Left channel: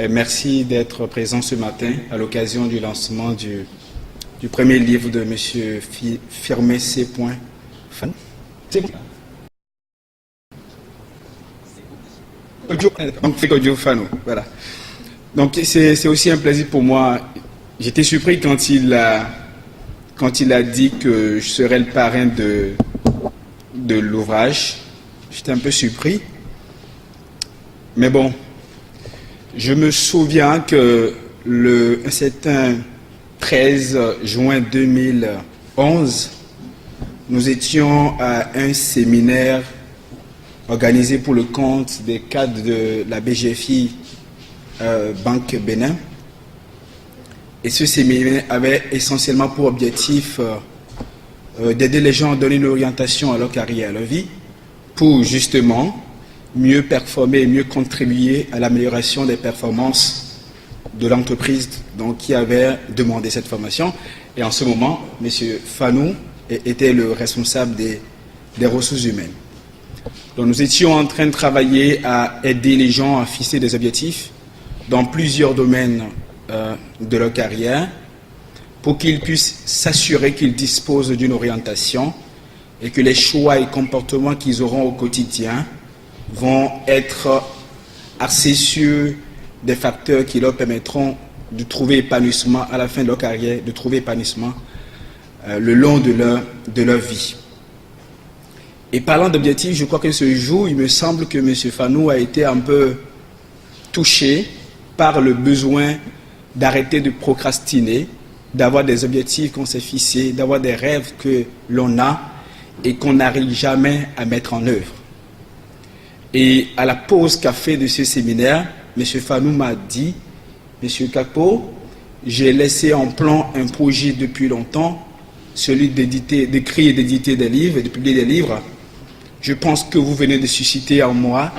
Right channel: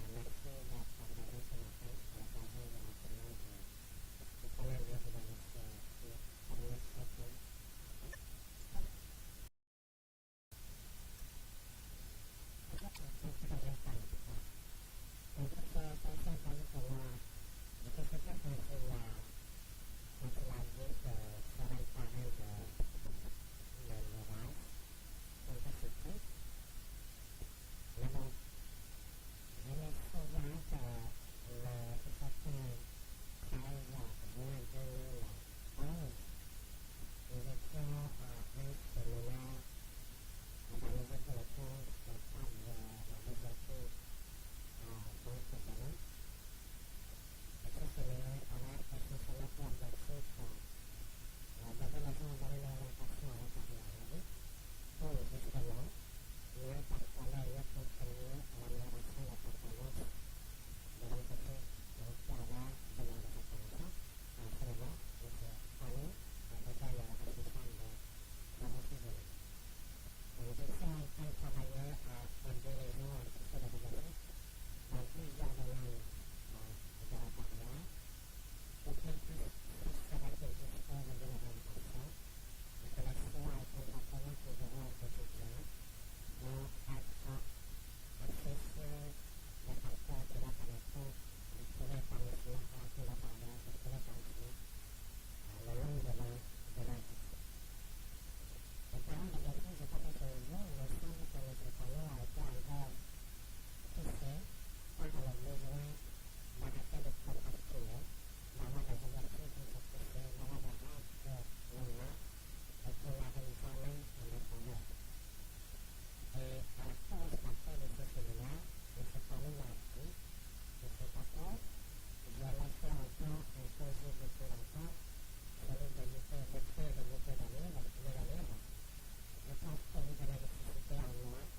Et merci d'être présent ce matin à l'occasion du lancement du premier livre de M. Firmé C. Fanou. Donc, Fanou, voilà. Donc, c'est aussi un plaisir pour moi. J'étais surpris quand il a dit que je serais le parrain de l'ouvrage. J'étais un peu surpris. Mais bon, je me souviens que un certain 13 juin 2011, nous étions à un séminaire organisé pour le compte des cadres de la BGFI Banque Bénin. Et ce séminaire avait essentiellement pour objectif d'aider les gens à donner une orientation à leur carrière, à leur vie, pour justement mieux performer et mieux contribuer à l'amélioration des performances de l'entreprise qui avait demandé cette formation. Et en ce moment, M. Fanou était le responsable des ressources humaines. Donc nous étions en train de travailler à aider les gens à fixer des objectifs dans plusieurs domaines de leur carrière pour qu'ils puissent s'assurer qu'ils disposent d'une orientation et que les choix et comportements qu'ils auront au quotidien vont être axés sur des facteurs qui leur permettront de trouver épanouissement à la fin de leur carrière, de trouver épanouissement le long de leur vie. Et parlant d'objectifs, je crois que ce jour, il me semble que M. Fanou a été un peu touché par le besoin d'arrêter de procrastiner, d'avoir des objectifs qu'on s'est fixés, d'avoir des rêves que l'on a et qu'on n'arrive jamais à mettre en œuvre. Et à la pause café de ce séminaire, M. Fanou m'a dit, M. Kakpo, j'ai laissé en plan un projet depuis longtemps, celui d'écrire et d'éditer des livres et de publier des livres. Je pense que vous venez de susciter en moi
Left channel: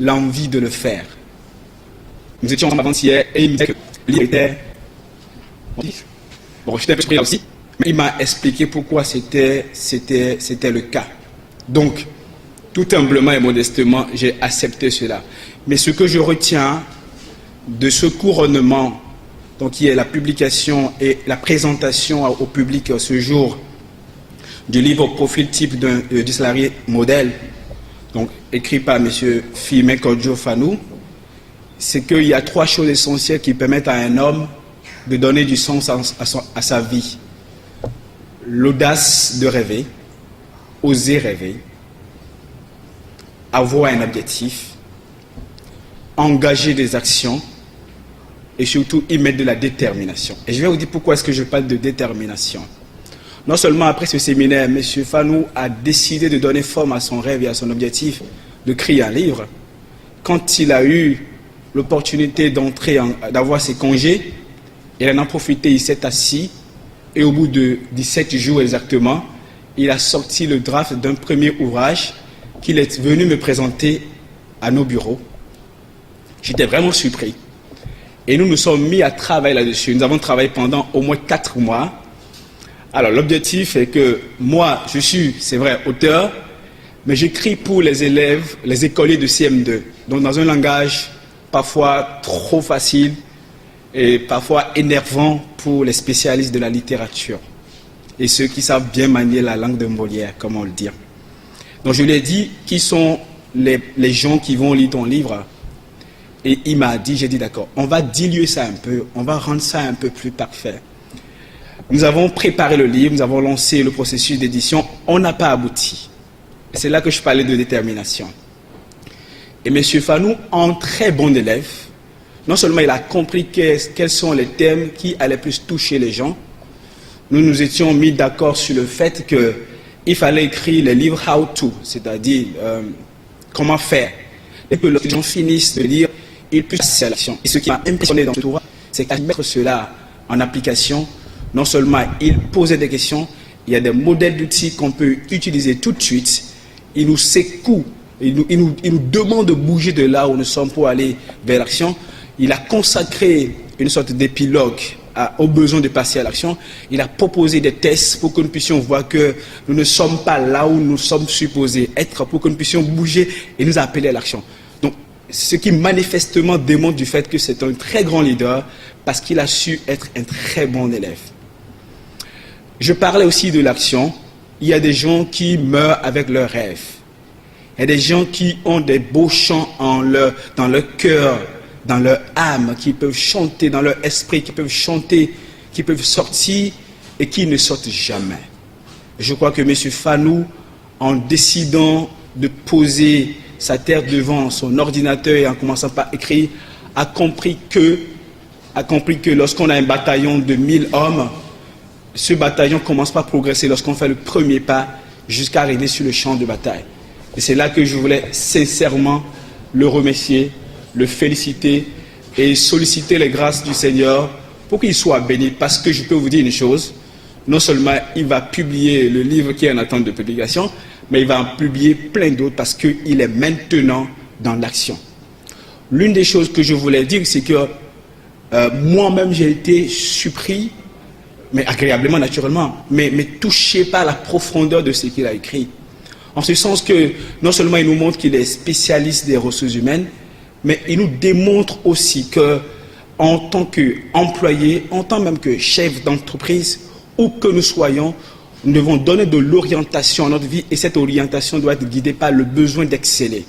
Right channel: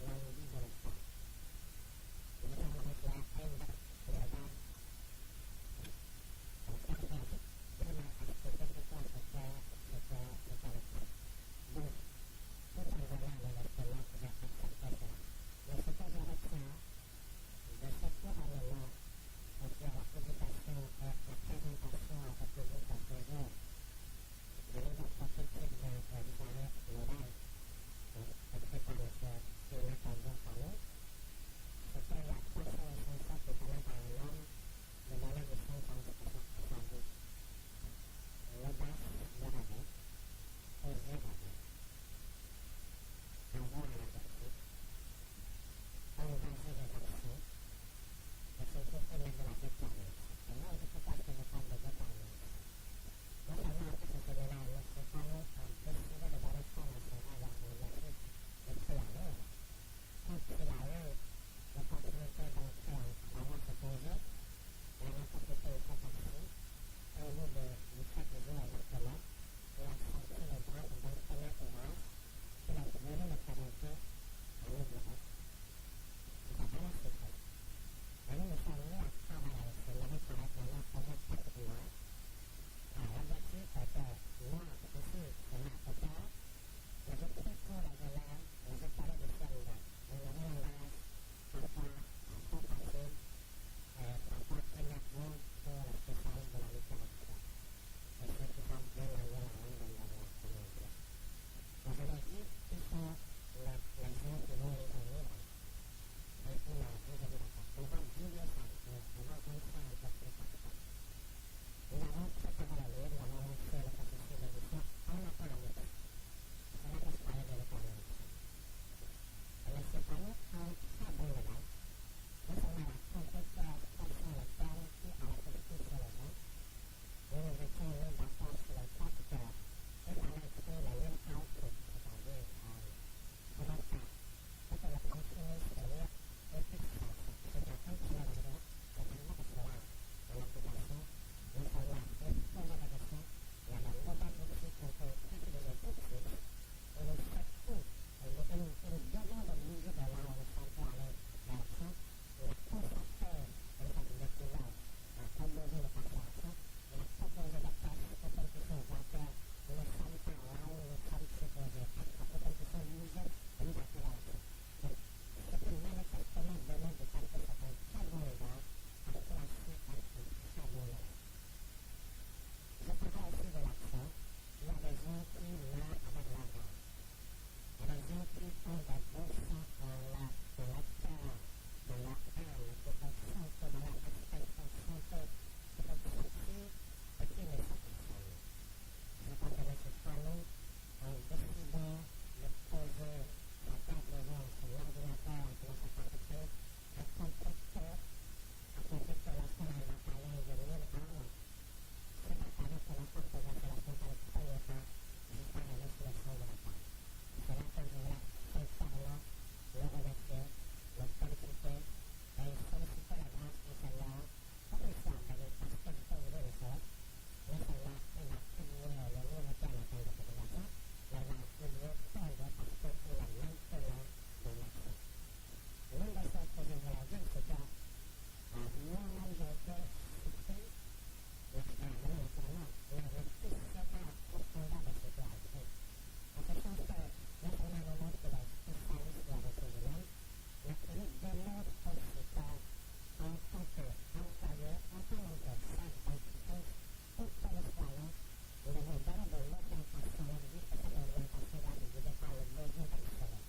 l'envie de le faire. Nous étions ensemble avant-hier et il me disait que le livre était... Bon, j'étais un peu surpris là aussi, mais il m'a expliqué pourquoi c'était le cas. Donc, tout humblement et modestement, j'ai accepté cela. Mais ce que je retiens de ce couronnement, donc qui est la publication et la présentation au public ce jour du livre Profil type du salarié modèle, donc écrit par M. Firmé Fanou, c'est qu'il y a trois choses essentielles qui permettent à un homme de donner du sens à sa vie. L'audace de rêver, oser rêver, avoir un objectif, engager des actions et surtout y mettre de la détermination. Et je vais vous dire pourquoi est-ce que je parle de détermination. Non seulement après ce séminaire, M. Fanou a décidé de donner forme à son rêve et à son objectif de créer un livre. Quand il a eu l'opportunité d'avoir ses congés, il en a profité, il s'est assis et au bout de 17 jours exactement, il a sorti le draft d'un premier ouvrage qu'il est venu me présenter à nos bureaux. J'étais vraiment surpris. Et nous nous sommes mis à travailler là-dessus. Nous avons travaillé pendant au moins 4 mois. Alors l'objectif est que moi, je suis, c'est vrai, auteur, mais j'écris pour les élèves, les écoliers de CM2. Donc dans un langage parfois trop facile et parfois énervant pour les spécialistes de la littérature. Et ceux qui savent bien manier la langue de Molière, comme on le dit. Donc je lui ai dit, qui sont les gens qui vont lire ton livre? Et il m'a dit, j'ai dit d'accord, on va diluer ça un peu, on va rendre ça un peu plus parfait. Nous avons préparé le livre, nous avons lancé le processus d'édition, on n'a pas abouti. C'est là que je parlais de détermination. Et M. Fanou, en très bon élève, non seulement il a compris quels sont les thèmes qui allaient plus toucher les gens, nous nous étions mis d'accord sur le fait qu'il fallait écrire les livres how to, c'est-à-dire comment faire. Et que les gens finissent de lire, ils puissent passer à l'action. Et ce qui m'a impressionné dans ce ouvrage, c'est qu'à mettre cela en application, non seulement il posait des questions, il y a des modèles d'outils qu'on peut utiliser tout de suite, il nous secoue, il nous demande de bouger de là où nous sommes pour aller vers l'action. Il a consacré une sorte d'épilogue aux besoins de passer à l'action. Il a proposé des tests pour que nous puissions voir que nous ne sommes pas là où nous sommes supposés être, pour que nous puissions bouger et nous appeler à l'action. Donc, ce qui manifestement démontre du fait que c'est un très grand leader parce qu'il a su être un très bon élève. Je parlais aussi de l'action. Il y a des gens qui meurent avec leurs rêves. Il y a des gens qui ont des beaux chants dans leur cœur, dans leur âme, qui peuvent chanter dans leur esprit, qui peuvent chanter, qui peuvent sortir et qui ne sortent jamais. Je crois que M. Fanou, en décidant de poser sa terre devant son ordinateur et en commençant par écrire, a compris que lorsqu'on a un bataillon de 1000 hommes, ce bataillon commence par progresser lorsqu'on fait le premier pas jusqu'à arriver sur le champ de bataille. Et c'est là que je voulais sincèrement le remercier, le féliciter et solliciter les grâces du Seigneur pour qu'il soit béni. Parce que je peux vous dire une chose, non seulement il va publier le livre qui est en attente de publication, mais il va en publier plein d'autres parce qu'il est maintenant dans l'action. L'une des choses que je voulais dire, c'est que moi-même j'ai été surpris, mais agréablement naturellement, mais touché par la profondeur de ce qu'il a écrit. En ce sens que non seulement il nous montre qu'il est spécialiste des ressources humaines, mais il nous démontre aussi qu'en tant qu'employé, en tant même que chef d'entreprise, où que nous soyons, nous devons donner de l'orientation à notre vie et cette orientation doit être guidée par le besoin d'exceller.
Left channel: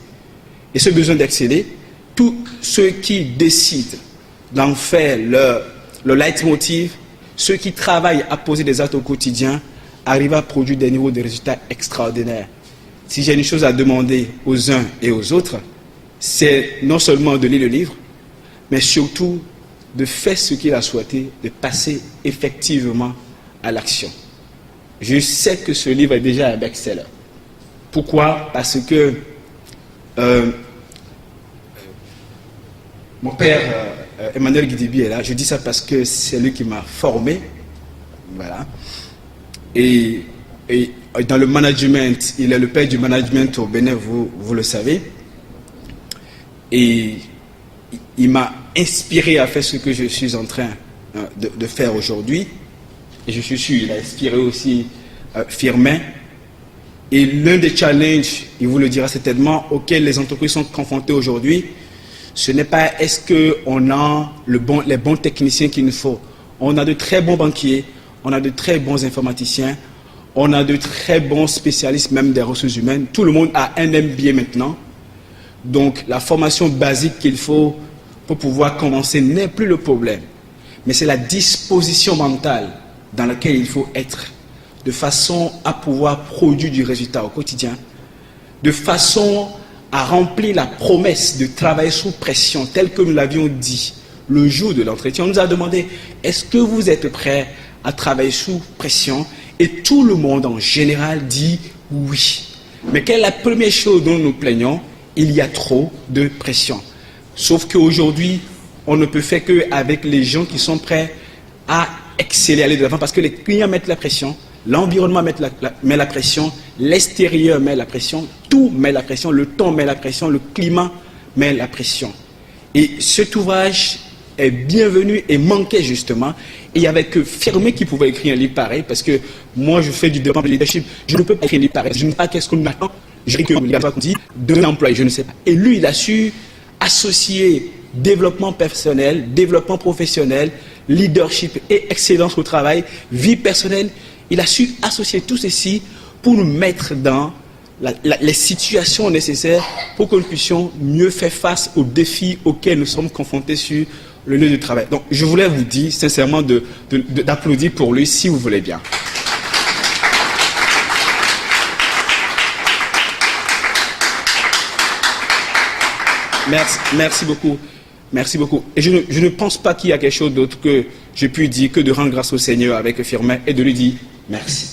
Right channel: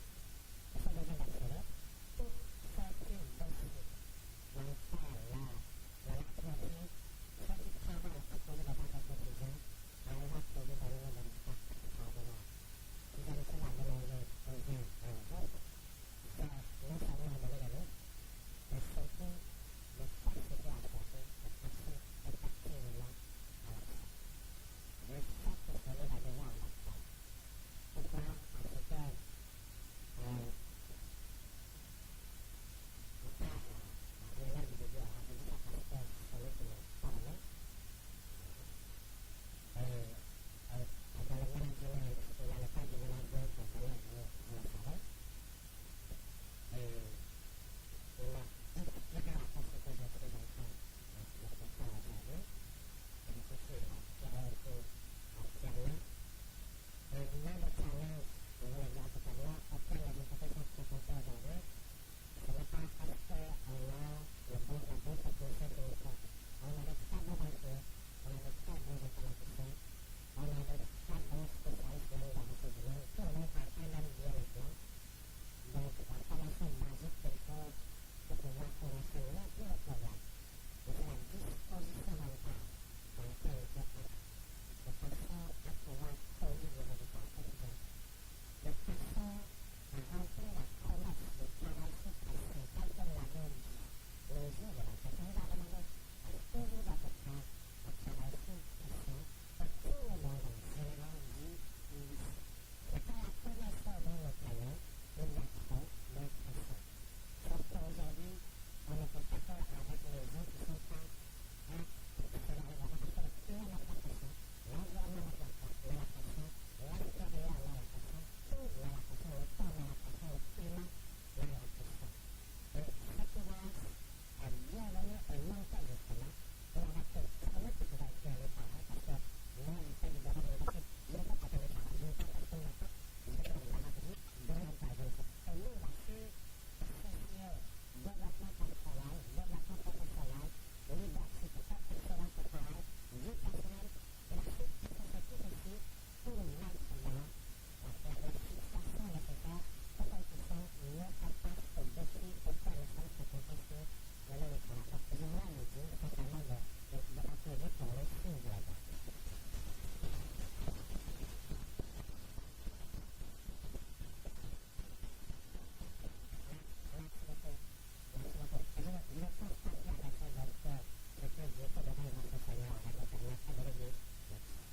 Et ce besoin d'exceller, tous ceux qui décident d'en faire leur leitmotiv, ceux qui travaillent à poser des actes au quotidien, arrivent à produire des niveaux de résultats extraordinaires. Si j'ai une chose à demander aux uns et aux autres, c'est non seulement de lire le livre, mais surtout de faire ce qu'il a souhaité, de passer effectivement à l'action. Je sais que ce livre est déjà un best-seller. Pourquoi? Parce que mon père, Emmanuel Guidibi, est là. Je dis ça parce que c'est lui qui m'a formé. Voilà. Et dans le management, il est le père du management au Bénin, vous le savez. Et il m'a inspiré à faire ce que je suis en train de faire aujourd'hui. Et je suis sûr, il a inspiré aussi Firmin. Et l'un des challenges, il vous le dira certainement, auxquels les entreprises sont confrontées aujourd'hui, ce n'est pas est-ce qu'on a les bons techniciens qu'il nous faut. On a de très bons banquiers, on a de très bons informaticiens, on a de très bons spécialistes même des ressources humaines. Tout le monde a un MBA maintenant. Donc la formation basique qu'il faut pour pouvoir commencer n'est plus le problème. Mais c'est la disposition mentale dans laquelle il faut être, de façon à pouvoir produire du résultat au quotidien, de façon à remplir la promesse de travailler sous pression, telle que nous l'avions dit le jour de l'entretien. On nous a demandé, est-ce que vous êtes prêts à travailler sous pression? Et tout le monde en général dit oui. Mais quelle est la première chose dont nous plaignons? Il y a trop de pression. Sauf qu'aujourd'hui, on ne peut faire qu'avec les gens qui sont prêts à exceller, aller de l'avant, parce que les clients mettent la pression, l'environnement met la pression, l'extérieur met la pression, tout met la pression, le temps met la pression, le climat met la pression. Et cet ouvrage est bienvenu et manquait justement. Et il n'y avait que Firmin qui pouvait écrire un livre pareil, parce que moi je fais du développement de leadership, je ne peux pas écrire un livre pareil, je ne sais pas qu'est-ce qu'on attend, je dis que il y a qu'on dit de l'emploi, je ne sais pas. Et lui, il a su associer développement personnel, développement professionnel, leadership et excellence au travail, vie personnelle. Il a su associer tout ceci pour nous mettre dans les situations nécessaires pour que nous puissions mieux faire face aux défis auxquels nous sommes confrontés sur le lieu de travail. Donc, je voulais vous dire sincèrement d'applaudir pour lui, si vous voulez bien. Merci beaucoup. Merci beaucoup. Et je ne pense pas qu'il y a quelque chose d'autre que je puis dire que de rendre grâce au Seigneur avec Firmin et de lui dire merci.